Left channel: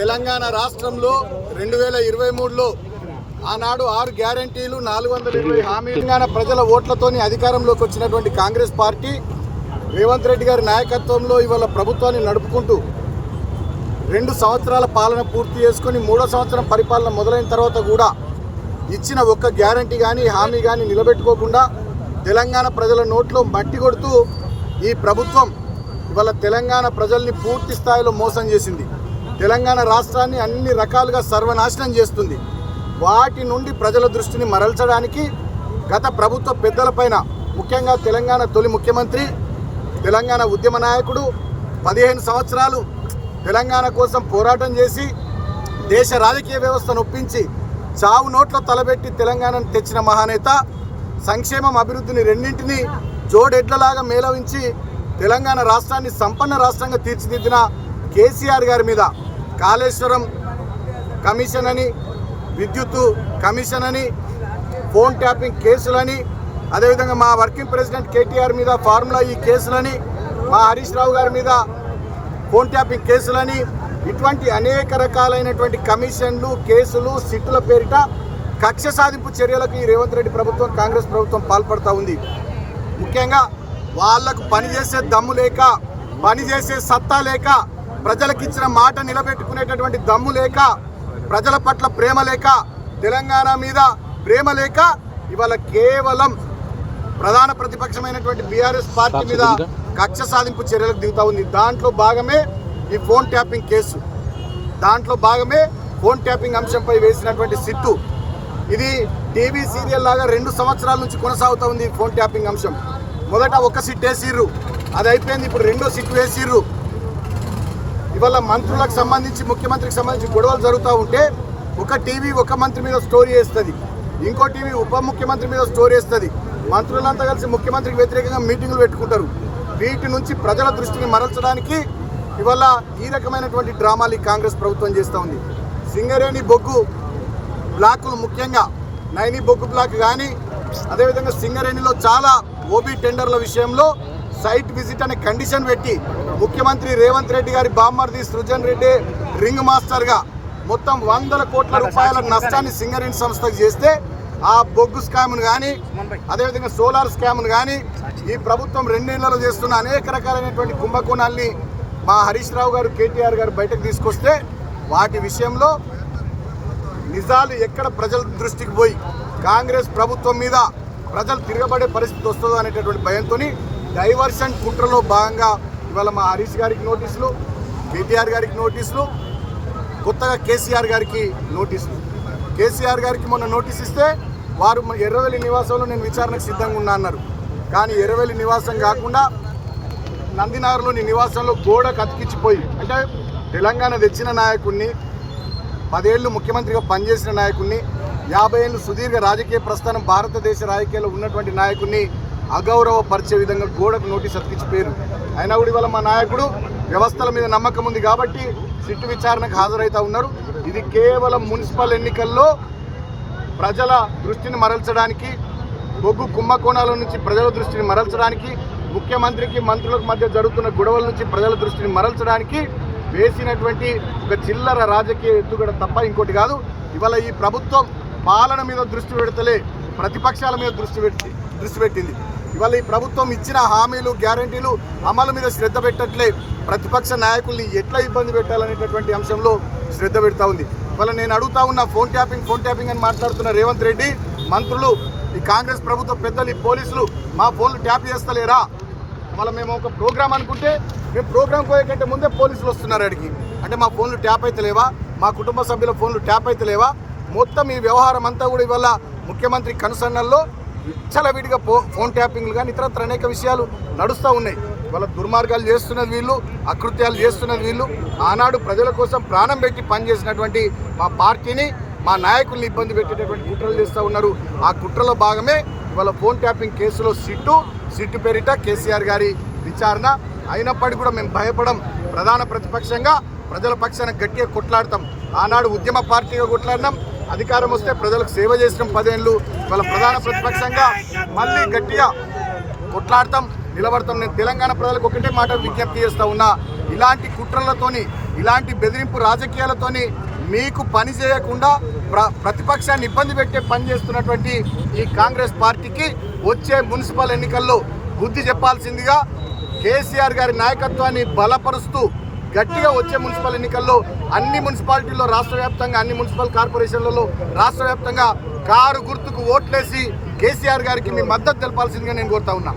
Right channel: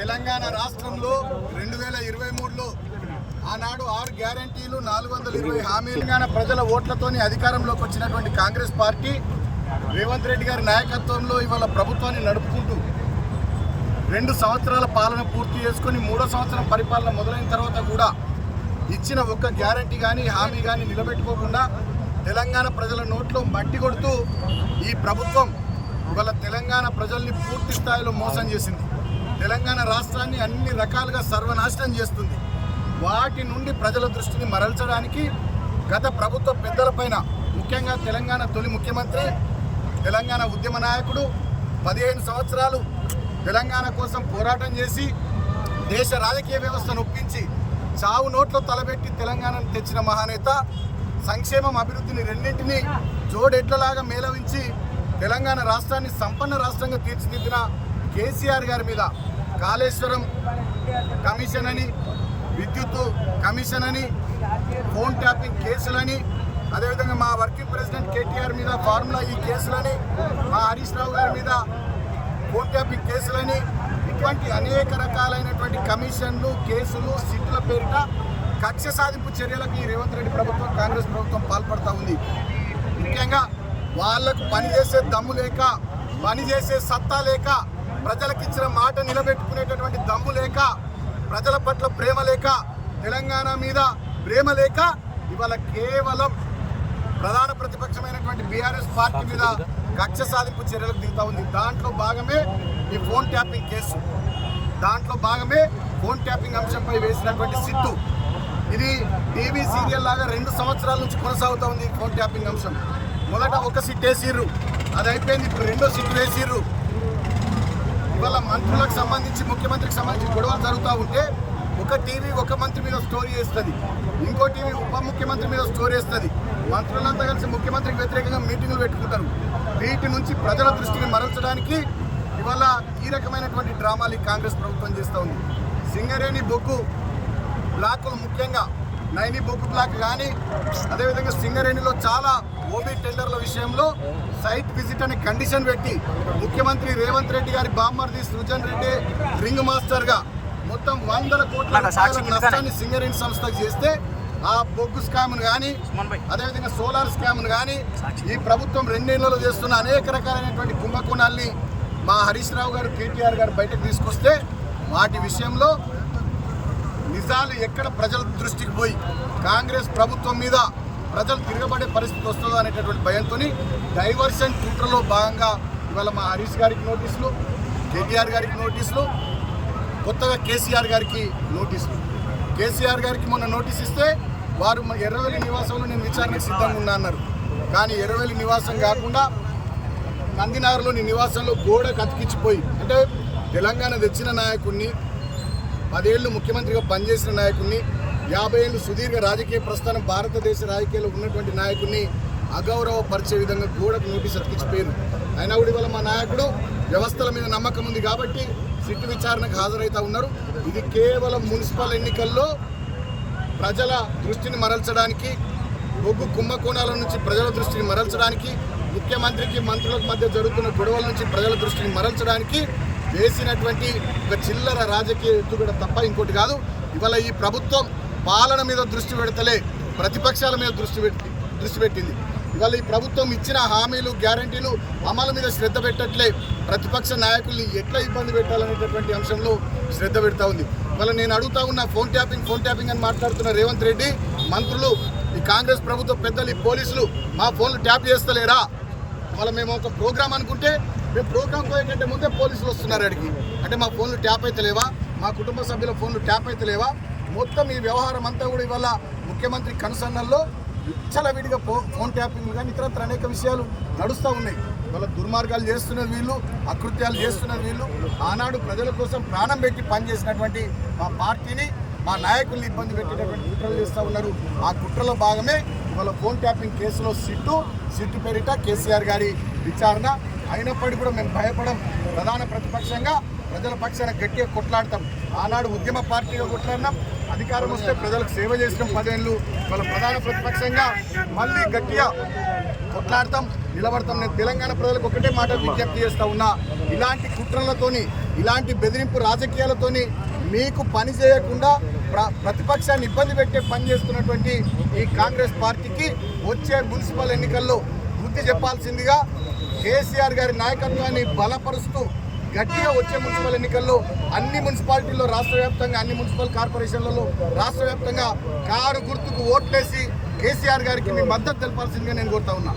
తెలంగాణ రాష్ట్రంలో 2023లో ఆనాడు 6 గ్యారెంటీలు 420 హామీలు తెలంగాణ ప్రజల ఓట్లతోని అధికారంలోకి వచ్చినటువంటి కాంగ్రెస్ పార్టీ రేవంత్ రెడ్డి గారి నాయకత్వంలో ఇవాళ ప్రభుత్వాన్ని నడుపుకుంటూ 2 సంవత్సరాల పాలన పూర్తి చేసుకొని 3వ సంవత్సరం పరిపాలన మొదలైన తర్వాత కూడా ఇచ్చిన ఒక్క గ్యారెంటీ కానీ హామీ కానీ నిలబెట్టుకోకుండా తెలంగాణ ప్రజల నోట్లో మట్టి కొడుతూ ఈ ప్రభుత్వం ఇవాళ తెలంగాణ ప్రజల్ని పూర్తి స్థాయిలో మోసం చేసింది. తెలంగాణ రాష్ట్రాన్ని అన్ని రకాలుగా సర్వనాశనం చేస్తుంది. వాటి నుండి ప్రజల దృష్టిని మరల్చడానికి గత ప్రభుత్వ పెద్దలపైన ముఖ్యంగా తెలంగాణ తొలి ముఖ్యమంత్రి, తెలంగాణ ఉద్యమ నాయకుడు 15 సంవత్సరాలు తెలంగాణ కోసం పోరాటం చేసి దేశ రాజకీయ వ్యవస్థను ఒప్పించి చావు నోట్లో తలబెట్టి తెలంగాణను తెచ్చిన మహానేత, సంక్షేమం అభివృద్ధిని రెండింటినీ జోడెడ్లలాగా మేళవించి తెలంగాణ రాష్ట్రాన్ని సంపన్న రాష్ట్రంగా తీర్చిదిద్దిన కేసీఆర్ గారి మీద కాళేశ్వరం కమిషన్ అని, విద్యుత్ కమిషన్ అని, ఫోన్ ట్యాపింగ్ కేసులని, అదేవిధంగా మా వర్కింగ్ ప్రెసిడెంట్ కేటీఆర్ మీద ఫార్ములా ఈ కేసులని, మా హరీష్ రావు గారి మీద ఫోన్ ట్యాపింగ్ కేసులని, ఇటువంటి అనేక రకాలైనటువంటి కమిషన్లు, కేసులు, సిట్టుల పేరిట కక్ష సాధింపు చర్యలకు ఈ రేవంత్ రెడ్డి ప్రభుత్వం, కాంగ్రెస్ ప్రభుత్వం పాల్పడుతూ ఉంది. ముఖ్యంగా వాళ్లకు పనిచేసే దమ్ము లేక, పనిచేసే సత్తా లేక, ప్రజలకు ఇచ్చిన మాట నిలబెట్టుకునేటటువంటి దమ్ము లేక, ప్రజల పట్ల ప్రేమ లేక, తెలంగాణ మీద ప్రేమ లేక ఇవాళ కేవలం ప్రధాన ప్రతిపక్షమైనటువంటి బీఆర్ఎస్ పార్టీ మీద కక్ష సాధింపు చర్యలకు దిగుతూ ఉంది. దాంట్లో భాగమే ఈ ఫోన్ ట్యాపింగ్ కేసు, దాంట్లో భాగమే ఫోన్ ట్యాపింగ్ అంశంపై వేసినటువంటి సిట్టు. ఇది టీవీ సీరియల్ లాగా 2 సంవత్సరాల నుంచి కొనసాగుతూ ఉంది. ఫోన్ ట్యాపింగ్ అంశం మొదట ఒక సిట్ వేసిర్రు, అది అయిపోయింది. ఇప్పుడు 2వ సిట్ వేసిర్రు. ఇవాళ మంత్రులకు సంబంధించి, ముఖ్యమంత్రికి సంబంధించి గొడవలు జరుగుతూ ఉంటే ఒక టీవీ ఒక మంత్రి మీద స్టోరీ వేస్తుంది, ఇంకో టీవీ ఉప ముఖ్యమంత్రి మీద స్టోరీ వేస్తుంది. మంత్రులంతా కలిసి ముఖ్యమంత్రికి వ్యతిరేకంగా మీటింగులు పెట్టుకుంటారు. వీటి నుంచి ప్రజల దృష్టిని మరల్చడానికి ఇవాళ ఈ రకమైనటువంటి డ్రామాలు కాంగ్రెస్ ప్రభుత్వం చేస్తూ ఉంది. సింగరేణి బొగ్గు బ్లాకులు, ముఖ్యంగా నైని బొగ్గు బ్లాక్ కానీ, అదేవిధంగా సింగరేణిలో చాలా ఓబీ టెండర్ల విషయంలో సైట్ విజిట్ అనే కండిషన్ పెట్టి ముఖ్యమంత్రి రేవంత్ రెడ్డి గారి బామ్మర్ది సృజన్ రెడ్డి రింగ్ మాస్టర్గా మొత్తం 100 కోట్ల రూపాయల నష్టాన్ని సింగరేణి సంస్థకు చేస్తే ఆ బొగ్గు స్కామ్ను కానీ, అదేవిధంగా సోలార్ స్కామ్ను కానీ ఈ ప్రభుత్వం 2 ఏళ్లలో చేస్తున్న అనేక రకాలైనటువంటి కుంభకోణాల్ని మా హరీష్ రావు గారు, కేటీఆర్ గారు బయటకు తీసుకొస్తే వాటి విషయంలో నిజాలు ఎక్కడ ప్రజల దృష్టికి పోయి కాంగ్రెస్ ప్రభుత్వం మీద ప్రజలు తిరగబడే పరిస్థితి వస్తుందో అనేటటువంటి భయంతో డైవర్షన్ కుట్రలో భాగంగా ఇవాళ మా హరీష్ గారికి నోటీసులు, కేటీఆర్ గారికి నోటీసులు, కొత్తగా కేసీఆర్ గారికి నోటీసులు. కేసీఆర్ గారికి మొన్న నోటీస్ ఇస్తే వారు ఎర్రవెల్లి నివాసంలో నేను విచారణకు సిద్ధంగా ఉన్నా అన్నారు. కానీ ఎర్రవెల్లి నివాసం కాకుండా నందినగర్లోని నివాసంలో గోడకు అతికిచ్చిపోయి, అంటే తెలంగాణ తెచ్చిన నాయకుడిని, 10 ఏళ్ళు ముఖ్యమంత్రిగా పనిచేసిన నాయకుడిని, 50 ఏళ్ళు సుదీర్ఘ రాజకీయ ప్రస్థానం భారతదేశ రాజకీయాల్లో ఉన్నటువంటి నాయకుడిని అగౌరవపరిచే విధంగా గోడకు నోటీస్ అతికిచ్చిపోయారు. అయినా కూడా ఇవాళ మా నాయకుడు వ్యవస్థల మీద నమ్మకం ఉంది కాబట్టి సిట్టు విచారణకు హాజరవుతూ ఉన్నారు. ఇది కేవలం మున్సిపల్ ఎన్నికల్లో ప్రజల దృష్టిని మరల్చడానికి, బొగ్గు కుంభకోణాల నుంచి ప్రజల దృష్టిని మరల్చడానికి, ముఖ్యమంత్రికి మంత్రులకు మధ్య జరుగుతున్న గొడవల నుంచి ప్రజల దృష్టిని మరల్చడానికి వేసినటువంటి ఒక చిల్లర రాజకీయ ఎత్తుగడ తప్ప ఇంకోటి కాదు. ఇవాళ ఈ ప్రభుత్వం పాలన మీద దృష్టి పెడతలే, ప్రతిపక్షాల మీద దృష్టి పెట్టింది. ఇవాళ ఈ ప్రభుత్వం ఇచ్చిన హామీలు, గ్యారంటీలు అమలు మీద శ్రద్ధ పెట్టట్లే, ప్రతిపక్ష నాయకుల్ని ఎట్లా ఇబ్బంది పెట్టాలనేటటువంటి అంశంలో శ్రద్ధ పెడతా ఉంది. ఇవాళ నేను అడుగుతా ఉన్న ఫోన్ ట్యాపింగ్ అని మాట్లాడుతున్న రేవంత్ రెడ్డి, మంత్రులు, ఈ కాంగ్రెస్ ప్రభుత్వ పెద్దలు, ఈ పోలీసులు మా ఫోన్లు ట్యాప్ చేస్తలేరా? ఇవాళ మేము ఒక ప్రోగ్రామ్ అనుకుంటే మేము ప్రోగ్రామ్ పోయే కంటే ముందే పోలీసులు వస్తున్నారు అడిగి. అంటే మా ఫోన్లు ట్యాప్ అయితే లేవా? మా కుటుంబ సభ్యుల ఫోన్లు ట్యాప్ అయితే లేవా? మొత్తం ఈ వ్యవహారం అంతా కూడా ఇవాళ ముఖ్యమంత్రి కనుసన్నల్లో విచ్చలవిడిగా ఫోన్ ట్యాపింగ్లు కానీ ఇతరత్ర అనేక విషయాలు నడుస్తూ ఉన్నాయి. వాళ్ళ దుర్మార్గాలు చేస్తున్నది వీళ్ళు, అకృత్యాలు చేస్తున్నది వీళ్ళు. ఆనాడు ప్రజల కోసం ప్రాణం పెట్టి పనిచేసినటువంటి మా పార్టీని, మా నాయకుల్ని ఇబ్బంది పెట్టేటటువంటి కుట్రలు చేస్తూ ఉన్నారు. ఆ కుట్రలో భాగమే ఇవాళ ఫోన్ ట్యాపింగ్ కేసులో సిట్టు పేరిట కేసీఆర్ గారి విచారణ. అయినప్పటికీ కూడా మేము భయపడం. ప్రధాన ప్రతిపక్షంగా ప్రజల పక్షాన గట్టిగా కొట్లాడతాం. ఆనాడు ఉద్యమ పార్టీగా కొట్లాడినాం, అధికారం వస్తే ప్రజలకు సేవ చేసిన 10 ఏళ్ళు. వాళ్ళ ప్రధాన ప్రతిపక్షంగా మళ్ళీ గట్టిగా కొట్లాడతాం. నిలబడతాం. నేను తెలంగాణ ప్రజలకు ఒకటే మాట విజ్ఞప్తి చేస్తా ఉన్నా, ఇలాంటి కుట్రలతోని ఇలాంటి బెదిరింపు రాజకీయాలతోని మీకు పని చేయకుండా ప్రతిపక్షాన్ని ఇబ్బంది పెట్టే పని చేస్తున్నటువంటి ఈ కాంగ్రెస్ పార్టీకి వచ్చే మున్సిపల్ ఎన్నికల్లో బుద్ధి చెప్పాల్సిందిగా కేసీఆర్ గారి నాయకత్వాన్ని బలపరుస్తూ గట్టిగా వచ్చే మున్సిపల్ ఎన్నికల్లో అన్ని మున్సిపాలిటీల్లో రాష్ట్ర వ్యాప్తంగా అన్ని మున్సిపల్ కార్పొరేషన్లలో రాష్ట్ర వ్యాప్తంగా కారు గుర్తుకు ఓట్లేసి కేసీఆర్ గారికి మీ మద్దతు తెలపాల్సిందిగా నేను కోరుతా ఉన్నా.